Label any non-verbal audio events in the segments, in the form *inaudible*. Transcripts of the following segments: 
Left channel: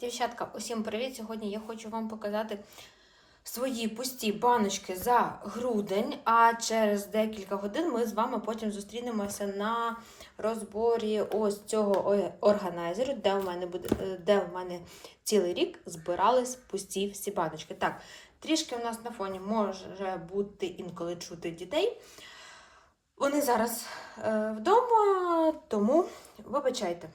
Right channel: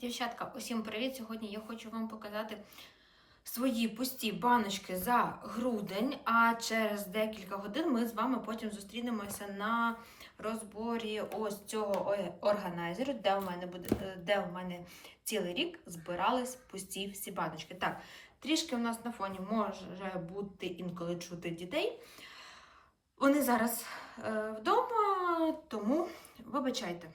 Дівчатка, усім привіт! Сьогодні я хочу вам показати свої пусті баночки за грудень, а через декілька годин ми з вами потім зустрінемося на розборі ось цього органайзеру, де у мене буде, е, де у мене цілий рік збирались пусті всі баночки. Так, трішки у нас на фоні може бути інколи чути дітей. Вони зараз е, вдома, тому вибачайте.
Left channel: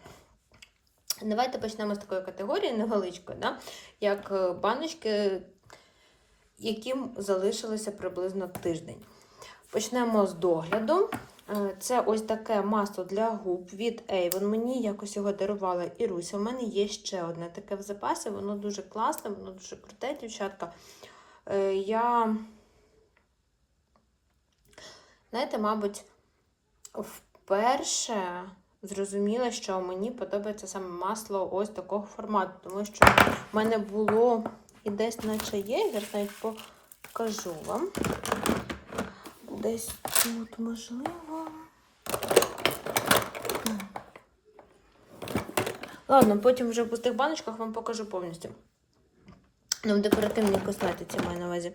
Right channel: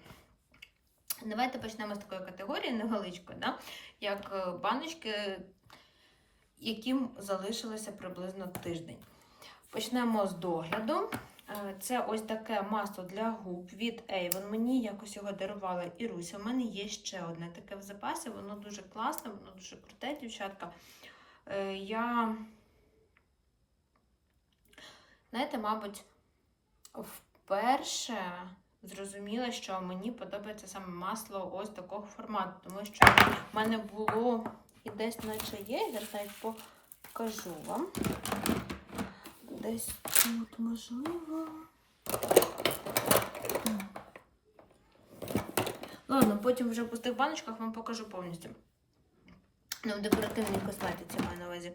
Давайте почнемо з такої категорії невеличкої, да? як е, баночки, яким залишилося приблизно тиждень. Почнемо з догляду. Е, Це ось таке масло для губ від Avon. Мені якось його дарувала Іруся. У мене є ще одне таке в запасі, воно дуже класне, воно дуже круте, дівчатка. Е, Я, знаєте, мабуть, вперше зрозуміла, що мені подобається саме масло ось такого формату, тому що в мене було і десь наче є, я навіть покажу вам. Десь тут можливо. Ладно, потім вже в пустих баночках вам покажу повністю. Ну, в декоративній косметиці маю на увазі.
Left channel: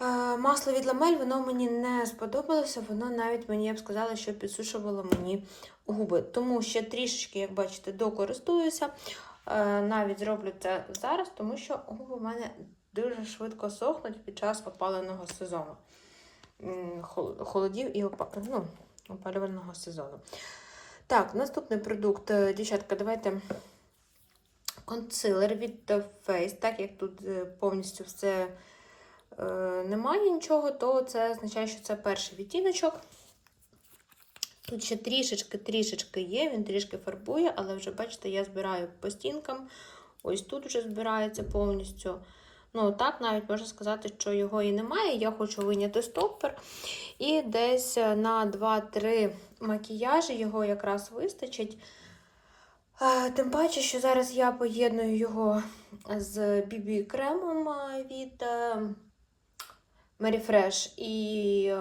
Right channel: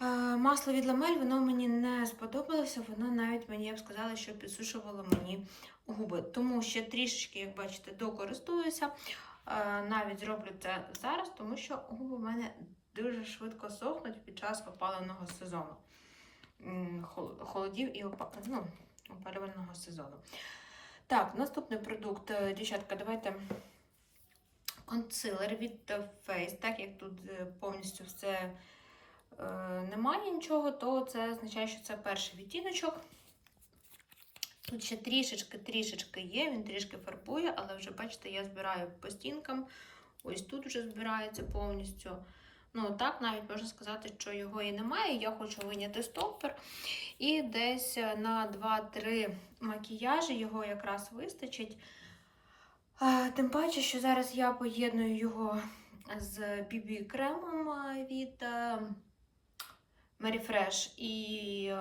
Е, Масло від ламель, воно мені не сподобалося, воно навіть мені, я б сказала, що підсушувало мені губи. Тому ще трішечки, як бачите, докористуюся. Е, Навіть зроблю це зараз, тому що губи в мене дуже швидко сохнуть під час опаленого сезону. Холодів і опа- ну, опалювального сезону. Так, наступний продукт, Е, дівчатка, давайте консилер від Face, так як тут е, повністю все е, немає нічого, то це означає, що це перший відтіночок. Тут ще трішечки-трішечки є, він трішки фарбує, але вже, бачите, я збираю по стінкам. Ось тут вже збирається повністю. Ну, так, навіть можна сказати, що його і немає. Я хочу виняти стоппер. І десь на 2-3 макіяжі його якраз вистачить. Е, Тим паче, що зараз я поєдную його з BB-кремом від е, Mary Fresh. І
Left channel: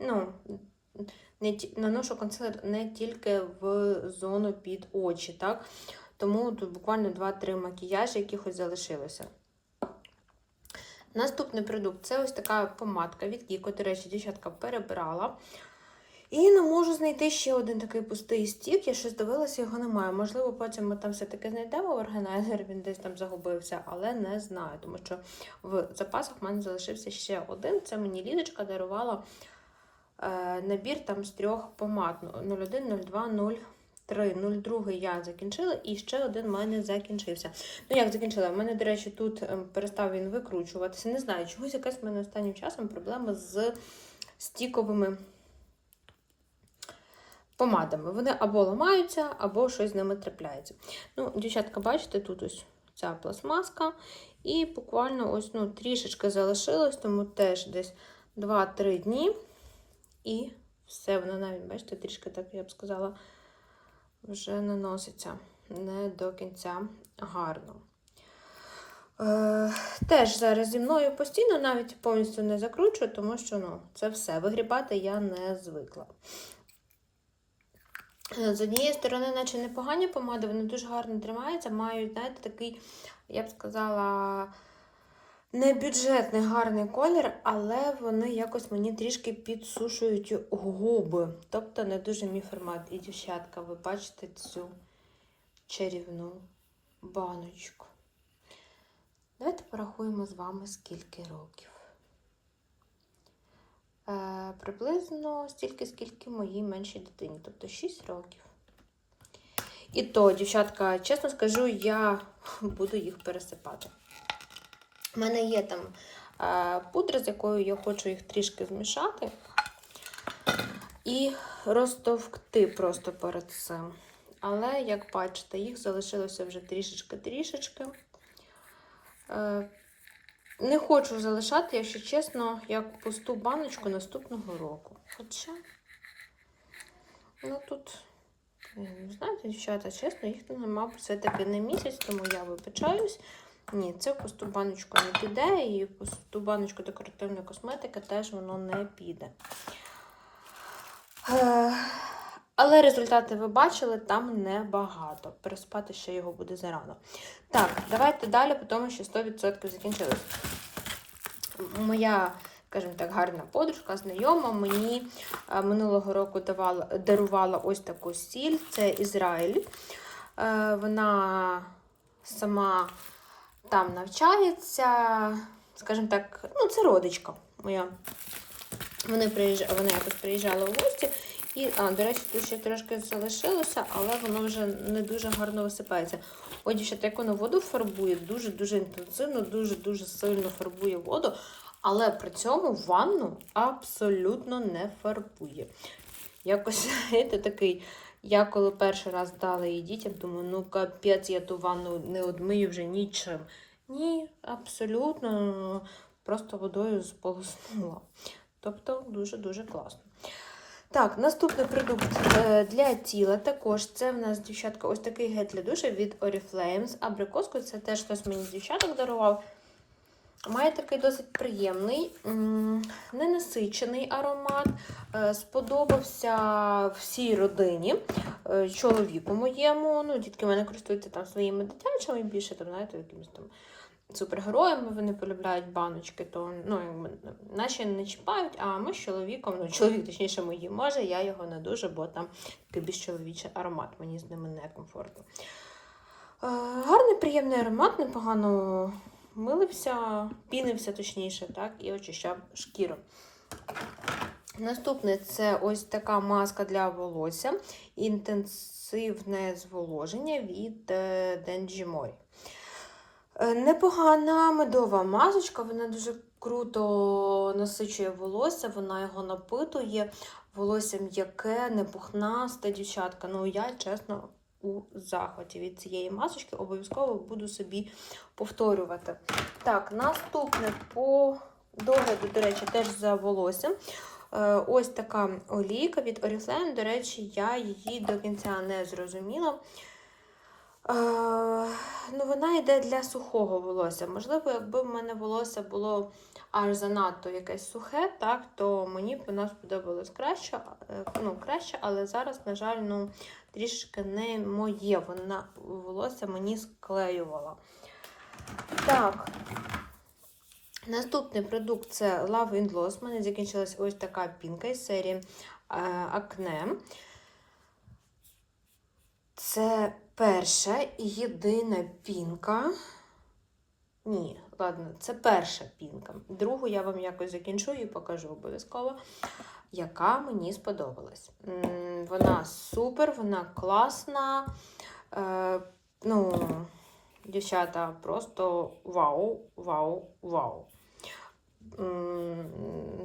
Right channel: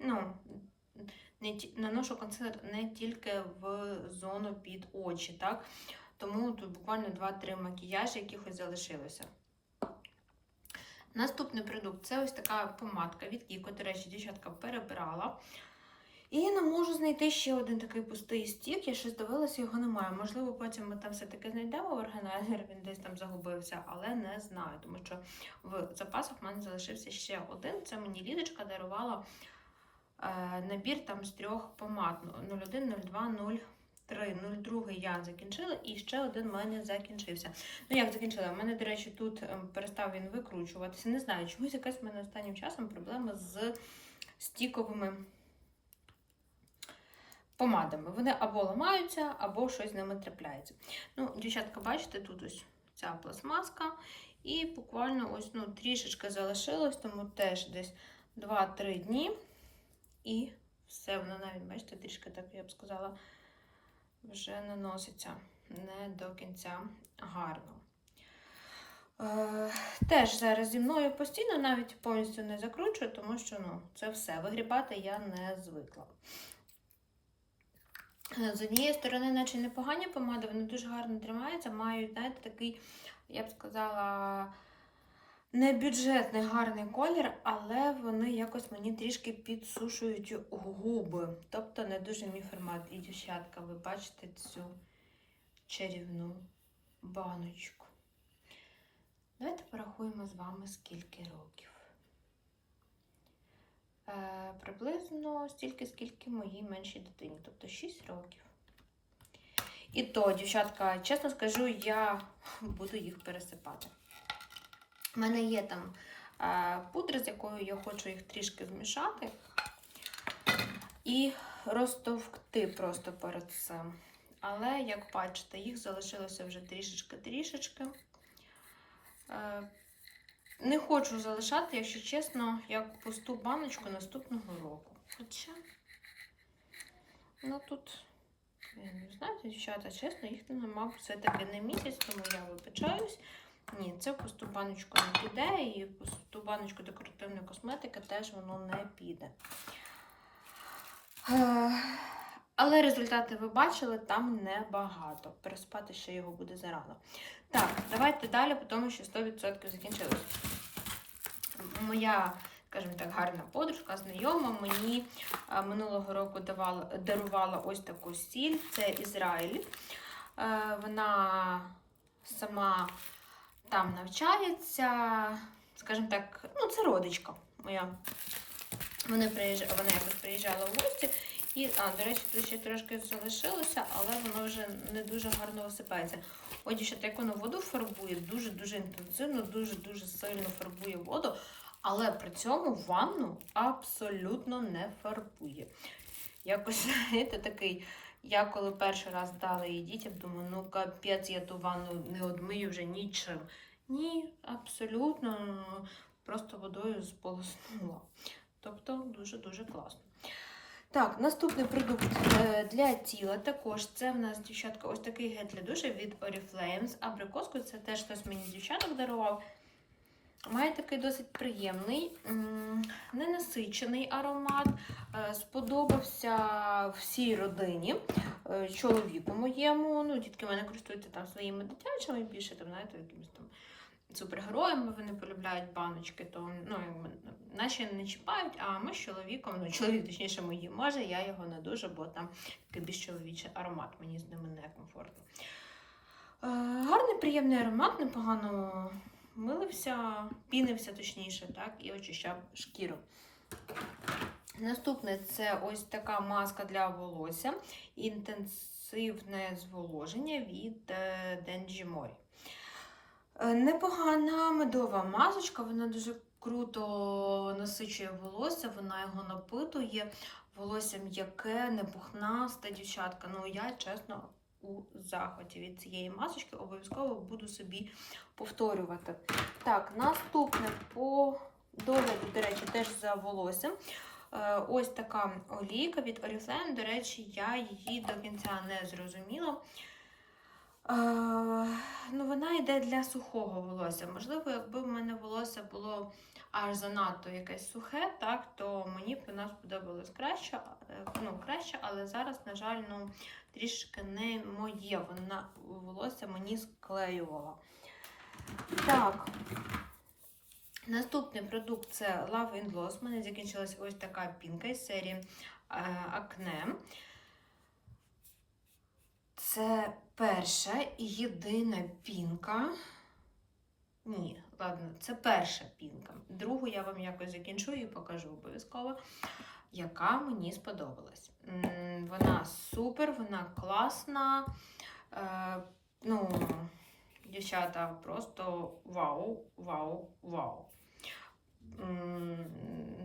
ну, не, наношу консилер не тільки в зону під очі, так? Тому тут буквально 2-3 макіяжі, якихось залишилося. Наступний продукт це ось така помадка від Кіко. До речі, дівчатка перебирала. І не можу знайти ще один такий пустий стік. Я щось дивилася, його немає. Можливо, потім ми там все-таки знайдемо в органайзер, він десь там загубився, але не знаю, тому що в запасах в мене залишився ще один. Це мені Лідочка дарувала набір там з трьох помад 01, 02, 03. 02 я закінчила, і ще один в мене закінчився. Ну, як закінчила? У мене, до речі, тут ем, перестав він викручуватися. Не знаю, чогось якась в мене останнім часом проблема з стіковими помадами. Вони або ламаються, або щось з ними трапляється. Ну, дівчатка, бачите, тут ось ця пластмаска. І буквально ось ну, трішечки залишилось, тому теж десь 2-3 дні. І все, воно навіть, бачите, трішки так, я б сказала, вже наноситься не до кінця гарно. Е, теж зараз зі мною постійно навіть повністю не закручую, тому що ну, це все. Вигрібати я не звикла. Е, З однієї сторони, наче непогані помади, вони дуже гарно тримаються, мають, знаєте, такий, я б сказала, не бюджетний гарний колір, але вони якось мені трішки підсушують губи. Тобто не дуже мій формат. І, дівчатка, ви бачите цю чарівну баночку. Давайте порахуємо з вами, скільки років. Е, приблизно стільки, скільки моїй меншій дитині, тобто 6 років. І то, дівчатка, чесно скажу, я буду їх пересипати. У мене є там е, пудра, з якою я хочу їх трішки змішати і розтовкти просто перед цим. Але, як бачите, їх залишилося вже трішечки-трішечки. Е, не хочу залишати, якщо чесно, як пусту баночку наступного року. Хоча, ну тут, е, знаєте, дівчата, чесно, їх мабуть, все-таки не місяць, тому я вибачаюсь. Ні, це в пусту баночку не піде, і в пусту баночку декоративної косметики теж воно не піде. Е, Але результати ви бачили, там небагато. Переспати ще його буде зарано. Так, давайте далі, тому що 100% закінчилось. Моя, скажімо так, гарна подружка, знайома, мені минулого року давала, дарувала ось таку сіль. Це Ізраїль. Е, Вона сама там навчається, скажімо так, ну, це родичка моя. Вони приїжджали, вона якось приїжджала в гості. І, а, до речі, тут ще трошки залишилося, але воно вже не дуже гарно висипається. Ой, дівчата, як воно воду фарбує, дуже-дуже інтенсивно, дуже-дуже сильно фарбує воду, але при цьому ванну абсолютно не фарбує. Якось, *laughs* знаєте, такий, я коли перший раз дала її дітям, думаю, ну капець, я ту ванну не одмию вже нічим. Ні, абсолютно просто водою сполоснула. Тобто дуже-дуже класно. Так, наступний продукт е, для тіла. Також це в нас, дівчатка, ось такий гель для душа від Oriflame з абрикоскою. Це теж хтось мені дівчаток дарував. Має такий досить приємний, ненасичений аромат. Е, Сподобався всій родині, е, чоловіку моєму. Ну, дітки в мене користуються там своїми дитячими, більше там, знаєте, якимось там супергероями вони полюбляють баночки, то ну, наші не чіпають, а ми з чоловіком, ну чоловік, точніше, мої може, я його не дуже, бо там такий більш чоловічий аромат, мені з ними некомфортно. Е, гарний, приємний аромат, непогано милився, пінився точніше, так, і очищав шкіру. Наступне це ось така маска для волосся. Інтенсивне зволоження від е, Denji Е, Непогана медова масочка, вона дуже круто насичує волосся, вона його напитує. Волосся м'яке, не пухнасте, дівчатка. Ну, я, чесно, у захваті від цієї масочки обов'язково буду собі повторювати. Так, наступне по догляду, до речі, теж за волоссям. Е, Ось така олійка від Oriflame. До речі, я її до кінця не зрозуміла. Е, ну, вона йде для сухого волосся. Можливо, якби в мене волосся було аж занадто якесь сухе, так, то мені б вона сподобалась краще, е, ну, краще, але зараз, на жаль, ну, трішки не моє. Вона волосся мені склеювала. Так. Наступний продукт це Love in Gloss. У мене закінчилась ось така пінка із серії е, Acne. Це перша і єдина пінка. Ні, ладно, це перша пінка. Другу я вам якось закінчу і покажу обов'язково, яка мені сподобалась. Вона супер, вона класна. Е, ну, дівчата, просто вау, вау, вау.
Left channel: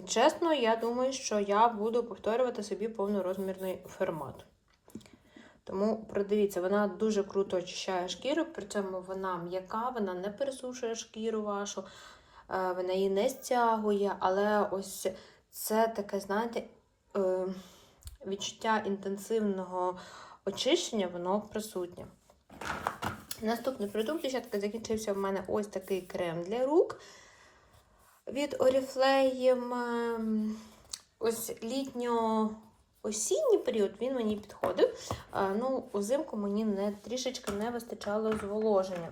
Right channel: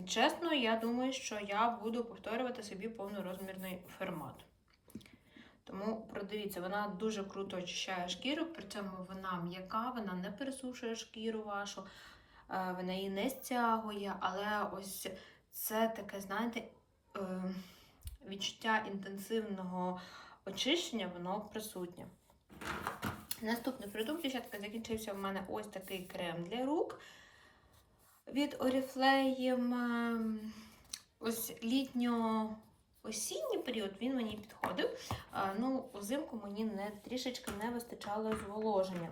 Чесно, я думаю, що я буду повторювати собі повнорозмірний формат. Тому продивіться, вона дуже круто очищає шкіру, при цьому вона м'яка, вона не пересушує шкіру вашу, е, вона її не стягує, але ось це таке, знаєте, е, відчуття інтенсивного очищення, воно присутнє. Наступний продукт, дівчатка, закінчився в мене ось такий крем для рук від Oriflame. Ем, Ось літньо осінній період він мені підходив. Ну, узимку мені не, трішечки не вистачало зволоження.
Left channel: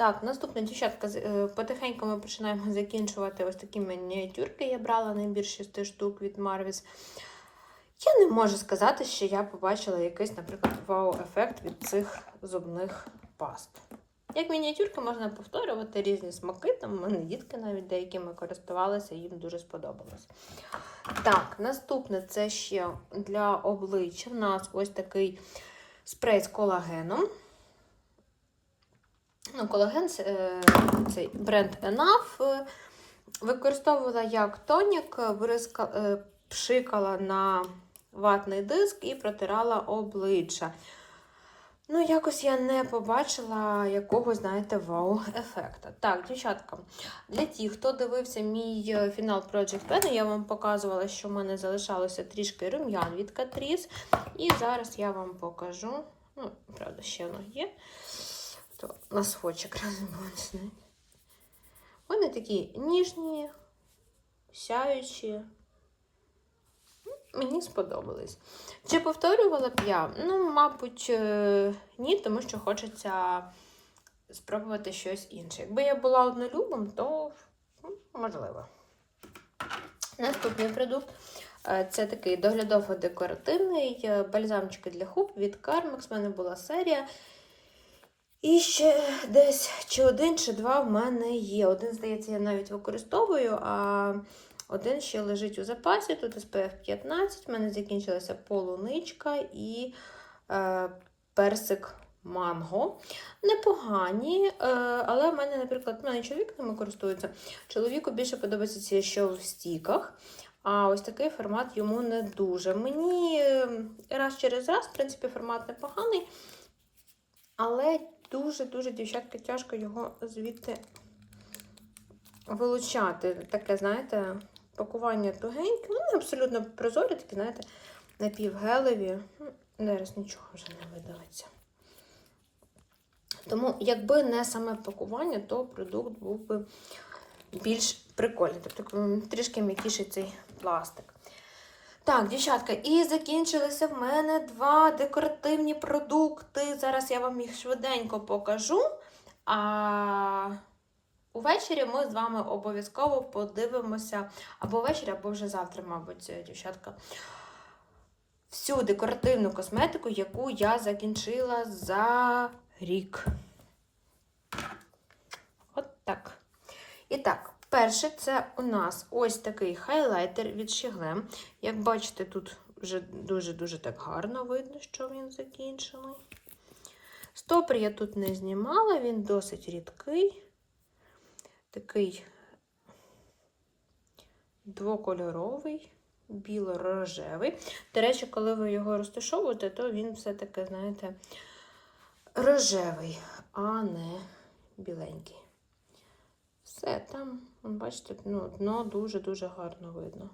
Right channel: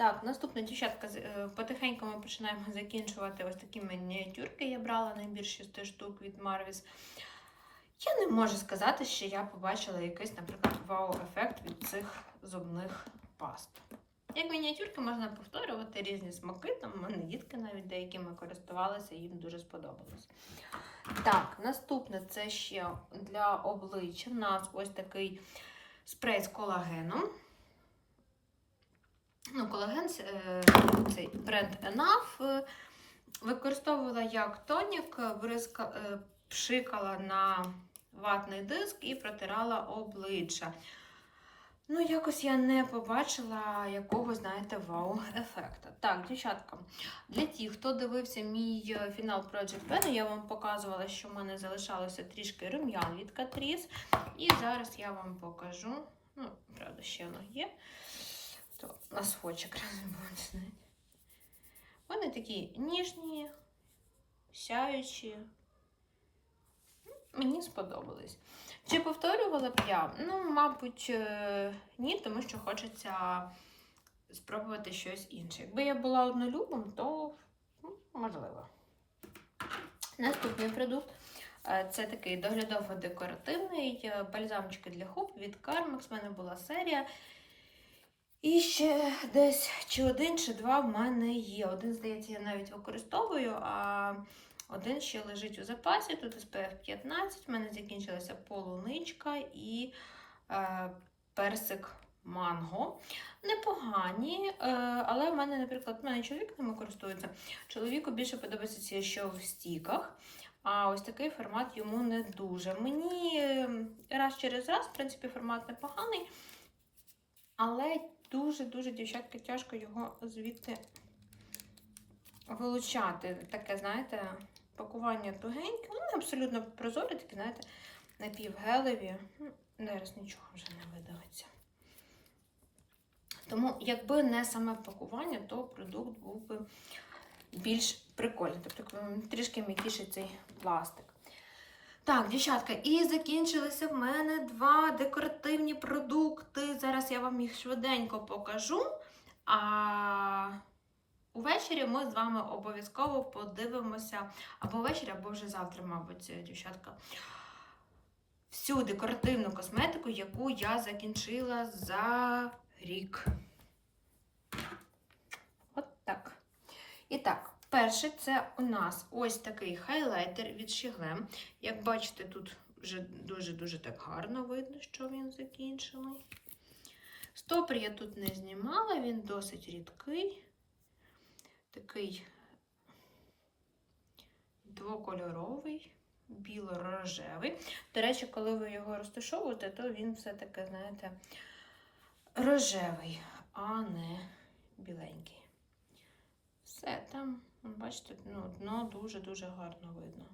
Так, наступна дівчатка, е, потихеньку ми починаємо закінчувати ось такі мініатюрки. Я брала набір 6 штук від Marvis. Я не можу сказати, що я побачила якийсь, наприклад, вау-ефект від цих зубних паст. Як мініатюрки можна повторювати різні смаки, там в мене дітки навіть деякими користувалися, їм дуже сподобалось. Так, наступне це ще для обличчя. У нас ось такий спрей з колагеном. Ну, колаген е, цей бренд Enough. Е, Використовувала як тонік, бризка, е, пшикала на ватний диск і протирала обличчя. Ну, якось я не побачила якогось, знаєте, вау-ефекта. Так, дівчатка, для тих, хто дивився мій фінал Project Pen, я вам показувала, що в мене залишалося трішки рум'ян від Catrice. І зараз я вам покажу. Ну, правда, ще воно є. То на схочик *laughs* розбудне. Вони такі ніжні, сяючі. мені сподобались. Чи повторювала б я? Ну, мабуть, е, ні, тому що хочеться спробувати щось інше. Якби я була однолюбом, то ну, можливо. Наступний продукт е, це такий доглядово-декоративний е, бальзамчики для губ від Carmex. У мене була серія. І ще десь чи один, чи два в мене є. Один, здається, я навіть використовую, а один ще лежить у запасі. Тут SPF 15, в мене закінчилася полуничка і е, персик манго. Непогані, е, але в мене, наприклад, в мене чоловік ними користується. Чоловіку більше подобається ці, що в стіках. А ось такий формат йому не дуже. Мені е, раз через раз, в принципі, формат непоганий. Але дуже-дуже, дівчатка, тяжко його звідти вилучати. Таке, знаєте, пакування тугеньке. Вони абсолютно прозорі, такі, знаєте, напівгелеві. Ну, Зараз нічого вже не видавиться. Тому, якби не саме пакування, то продукт був би більш прикольний. Тобто трішки м'якіший цей пластик. Так, дівчатка, і закінчилися в мене два декоративні продукти. Зараз я вам їх швиденько покажу. А увечері ми з вами обов'язково подивимося або ввечері, або вже завтра, мабуть, дівчатка. Всю декоративну косметику, яку я закінчила за рік. От так. І так, перший це у нас ось такий хайлайтер від Shiglem. Як бачите, тут вже дуже-дуже так гарно видно, що він закінчений. Стопор я тут не знімала, він досить рідкий, такий двокольоровий, біло-рожевий. До речі, коли ви його розташовуєте, то він все-таки, знаєте, рожевий, а не біленький. Все там, бачите, ну, дно дуже-дуже гарно видно.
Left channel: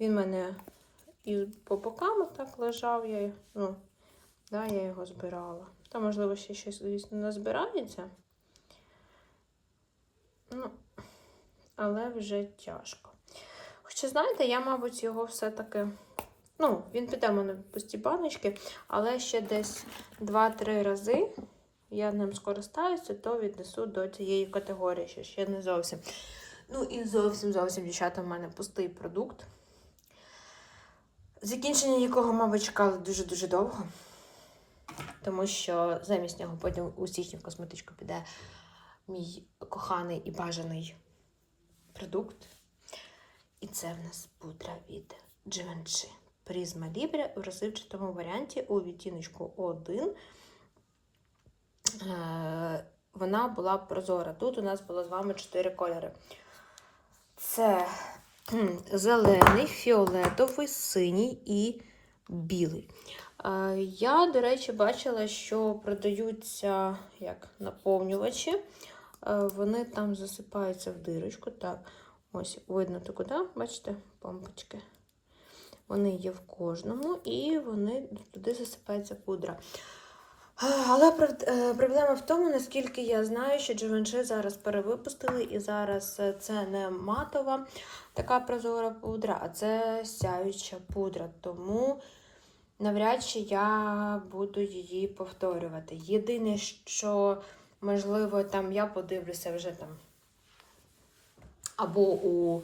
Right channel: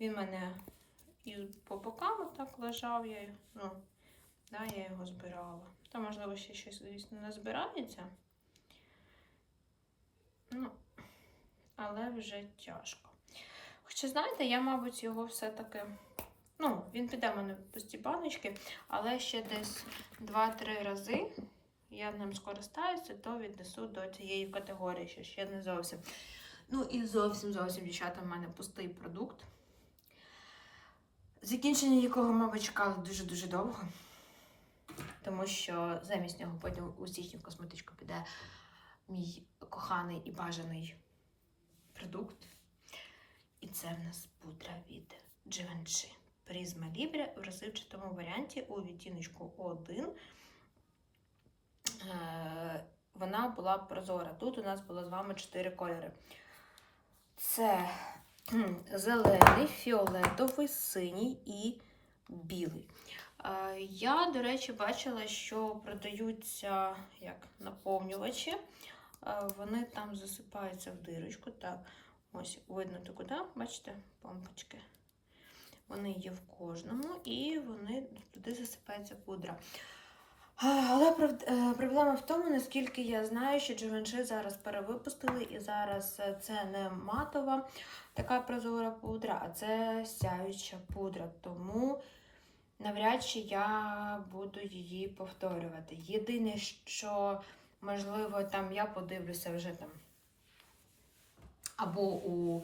Він в мене і по бокам так лежав, я, ну, да, я його збирала. Там, можливо, ще щось, звісно, не збирається. Ну, але вже тяжко. Хоча, знаєте, я, мабуть, його все-таки. Ну, він піде в мене в пусті баночки, але ще десь 2-3 рази я ним скористаюся, то віднесу до цієї категорії, що ще не зовсім. Ну і зовсім зовсім, дівчата, в мене пустий продукт. Закінчення якого, мабуть, чекали дуже-дуже довго. Тому що замість нього потім у січні в косметичку піде мій коханий і бажаний продукт. І це в нас пудра від Givenchy. Призма Libre в розсипчатому варіанті у відтіночку 1. Вона була прозора. Тут у нас було з вами 4 кольори. Це зелений, фіолетовий, синій і білий. Е, Я, до речі, бачила, що продаються як наповнювачі. Е, Вони там засипаються в дирочку. Так, ось видно таку, да? бачите, помпочки. Вони є в кожному, і вони туди засипається пудра. Але е, проблема в тому, наскільки я знаю, що Givenchy зараз перевипустили, і зараз це не матова така прозора пудра, а це сяюча пудра. Тому навряд чи я буду її повторювати. Єдине, що, можливо, там я подивлюся вже там або у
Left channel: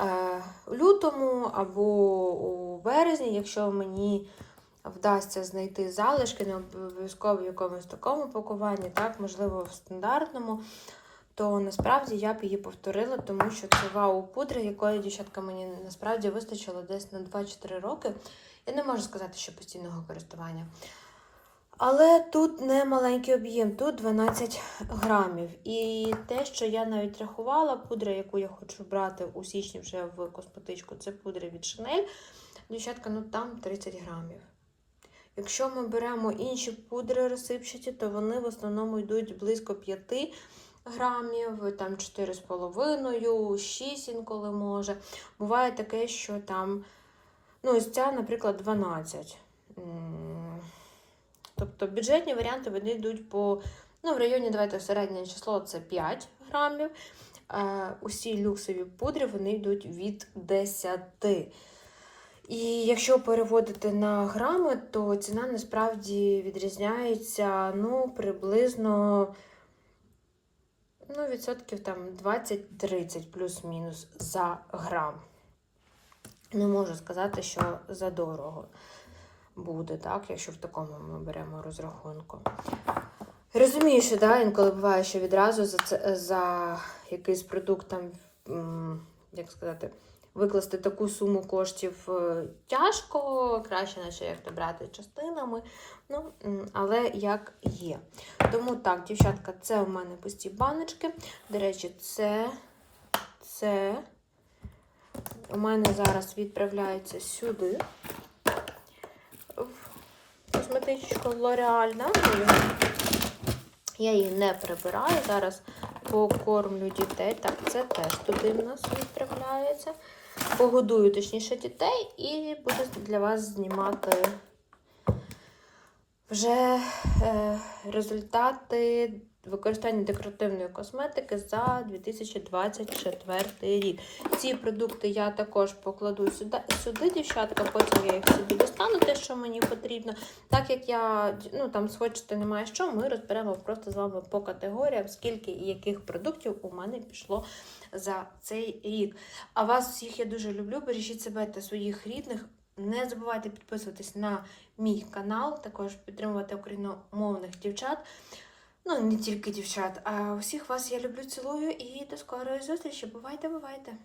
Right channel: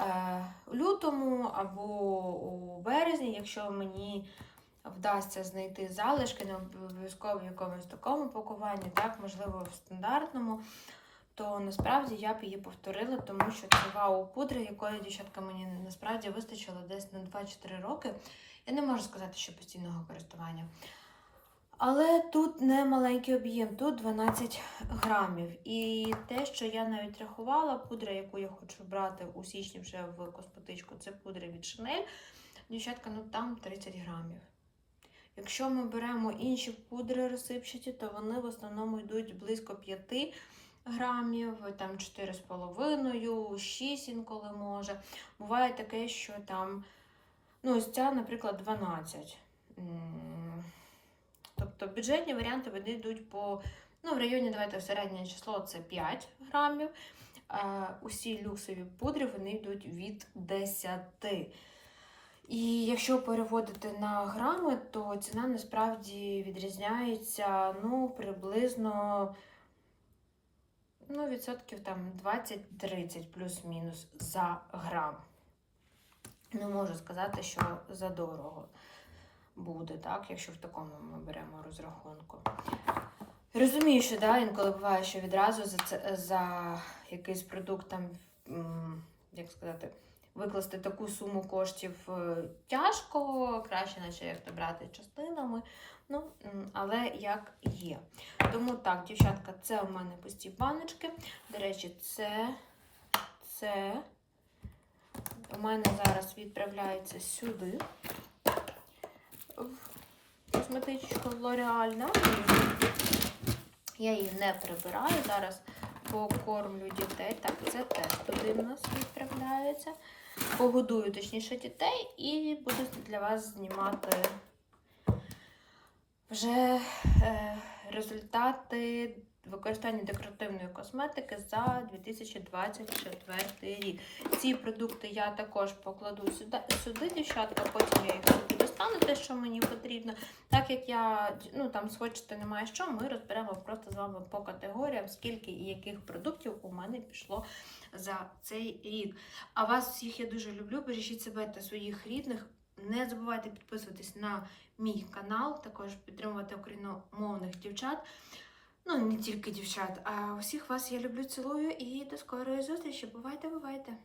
е, лютому, або у березні, якщо мені вдасться знайти залишки, не обов'язково в якомусь такому пакуванні, так, можливо, в стандартному, то насправді я б її повторила, тому що це вау пудра, якої дівчатка мені насправді вистачило десь на 2-4 роки. Я не можу сказати, що постійного користування. Але тут не маленький об'єм, тут 12 грамів. І те, що я навіть рахувала, пудра, яку я хочу брати у січні вже в косметичку, це пудра від Chanel. Дівчатка, ну там 30 грамів. Якщо ми беремо інші пудри розсипчаті, то вони в основному йдуть близько 5 грамів, там 4,5, 6 інколи може. Буває таке, що там, ну, ось ця, наприклад, 12. Тобто бюджетні варіанти вони йдуть по, ну, в районі, давайте середнє число це 5 грамів. Е, усі люксові пудри вони йдуть від 10. І якщо переводити на грами, то ціна насправді відрізняється ну, приблизно ну, відсотків там 20-30 плюс-мінус за грам. Не можу сказати, що задорого буде, так, якщо в такому ми беремо розрахунку. Розумію, що да, інколи буває, що відразу за, це, за якийсь продукт там, як сказати, викласти таку суму коштів е, тяжко, краще, наче як то брати частинами. Ну, але як є. Тому так, дівчатка, це у мене пусті баночки. До речі, це, це у мене зараз відправляється сюди. Косметичку L'Oreal? Я її не прибираю. Зараз покормлю дітей. Так, це теж туди в нас відправляється. Погодую, точніше, дітей і буду для вас знімати вже е, результати використання декоративної косметики за 2024 рік. Ці продукти я також покладу сюди, сюди дівчатка, потім я їх собі достану, те, що мені потрібно. Так як я ну там схочете немає що, ми розберемо просто з вами по категоріям, скільки і яких продуктів у мене пішло за цей рік. А вас всіх я дуже люблю. Бережіть себе та своїх рідних. Не забувайте підписуватись на мій канал, також підтримувати україномовних дівчат. Ну, не тільки дівчат, а усіх вас я люблю, цілую і до скорої зустрічі. Бувайте, бувайте!